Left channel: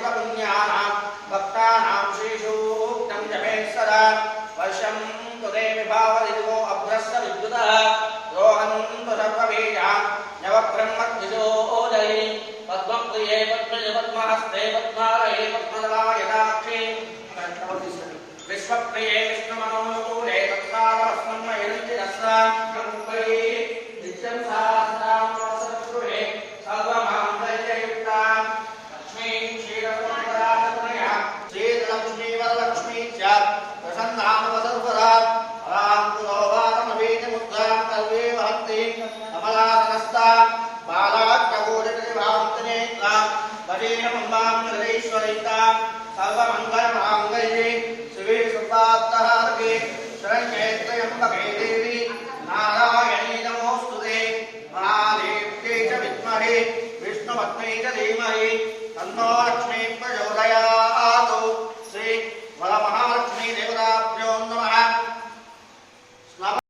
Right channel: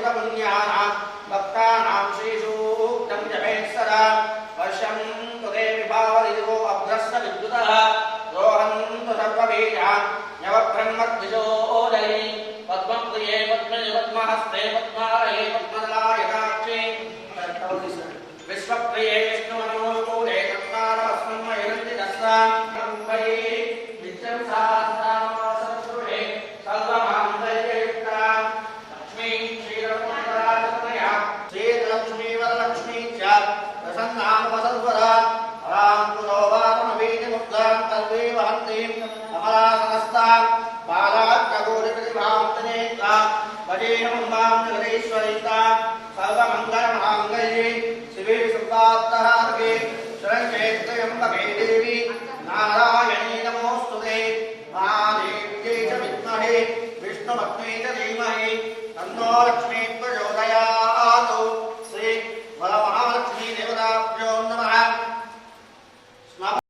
सुतपुण्यानां भक्तानां श्रीसूक्तं जपेत् सदा वर्षं तुते विभावदिगो अभ्रस्त विद्युतः रोहन्तु सर्वबीजान् नवब्रह्मद्विजोदयि पद्मप्रिये पद्मज पद्महस्ते पद्मालये पद्मदलायताक्षे विश्वप्रिये विष्णुमनोकूले तत्पादस्मन्मयन्ति रस्नां नित्यं सहस्रां वसतपुरुषे सर्वमान्तर्ययुक्ता लक्ष्मी क्षीरसमुद्राचतनया श्रीलक्ष्मी वरलक्ष्मी च प्रसन्नामवसर्वदा रां पुरोवातमवीतिमुद्रां कल्वे वहन्तीं कमलासनस्तां बालाट्टगोटिप्रतिभान्तनेत्रां भजेयमम्बां जगदीश्वरितां सर्वमङ्गलमाङ्गल्ये शिवे सर्वार्थहारके शरण्ये त्र्यम्बके